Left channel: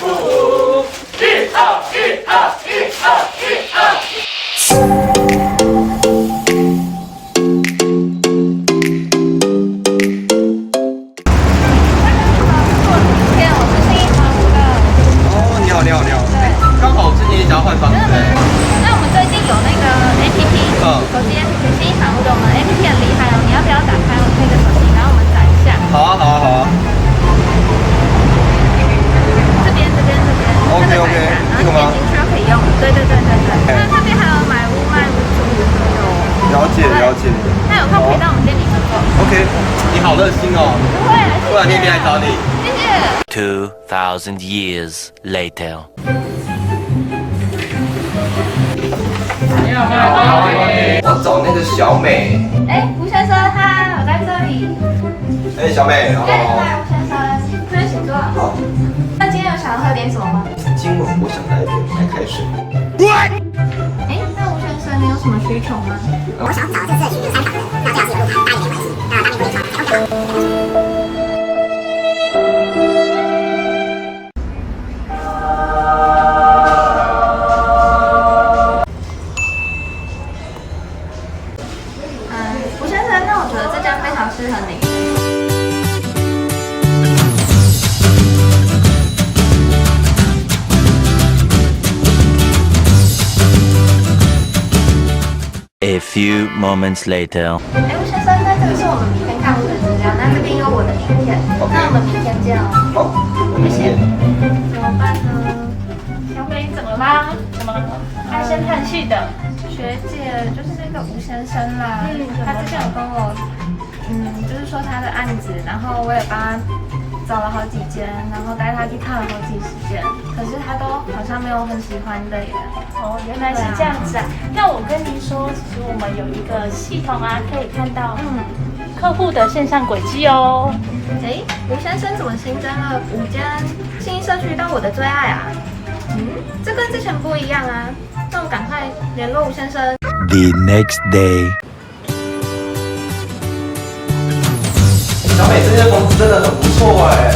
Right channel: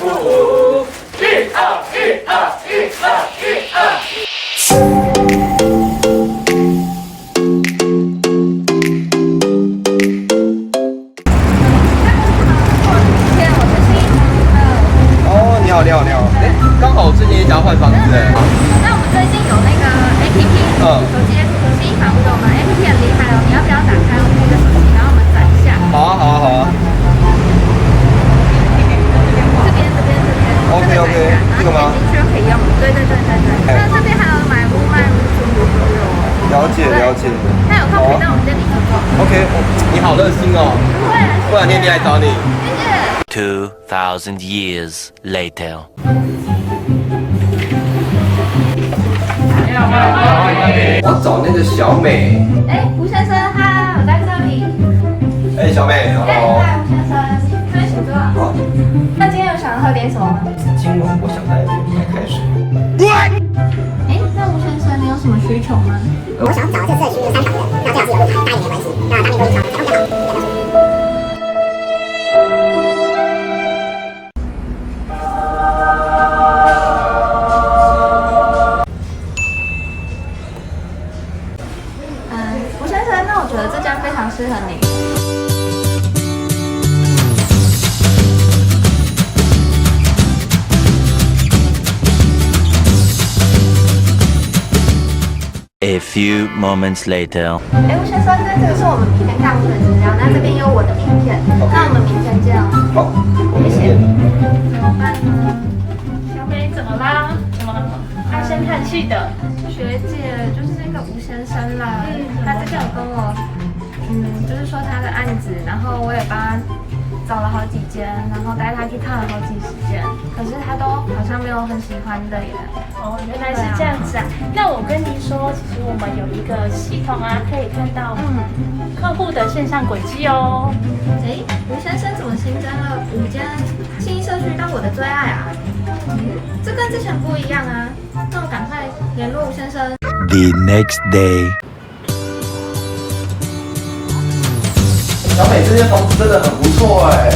5、1、2、1、2、1、2、1、2。你好，哎，刚好最近也想要换房子哎。那我们最近有那个 APP，手机 APP 新房屋的，我们 APP 很厉害哦。你要不要打开我们的手机，然后我们转一下？好啊。这边。OK， 这个吗？点进去就可以用。对。那这边还有买屋卖屋中古都有。了解。那有空可以到我们店里逛逛。OK，你好热心哦。不会，过两天一定来找你。谢谢。 2,000 years later. 我找那个小美。哎，吴先生，嗨，我在这里。哎，小美，好。嗨，吴先生，这边请坐。好。那今天有想喝点什么吗？今晚我想来点白开水。哎，那吴先生，你有什么需求吗？我想找特色区有3房的，那最好是有露台，大一点没关系。那大面积可以调才 OK 吴先生，那我觉得这家非常适合你。A few moments later. 哎，吴先生，那这个是我们明天看屋的资料，那这边有我的名片，那我们明天见哦。好，我明天。怎么办呢？小美怎么啦？怎么唉声叹气的？学姐就是那个吴先生啦，他之前有跟我，就是说他的案子，然后我也帮他找了好几间，然后带他去看了好几十间，可是他都好像没有很喜欢的耶。哦，原来是这样子啊。那我跟您说，其实我们有一个系统啊，可以看到客户的线上轨迹哦。哎，吴先生怎么新增了5间信义社区当我的最爱啊？这跟之前不一样啊。那我赶快联络吴先生。 The next day. 小美这间房子真的很不错哎。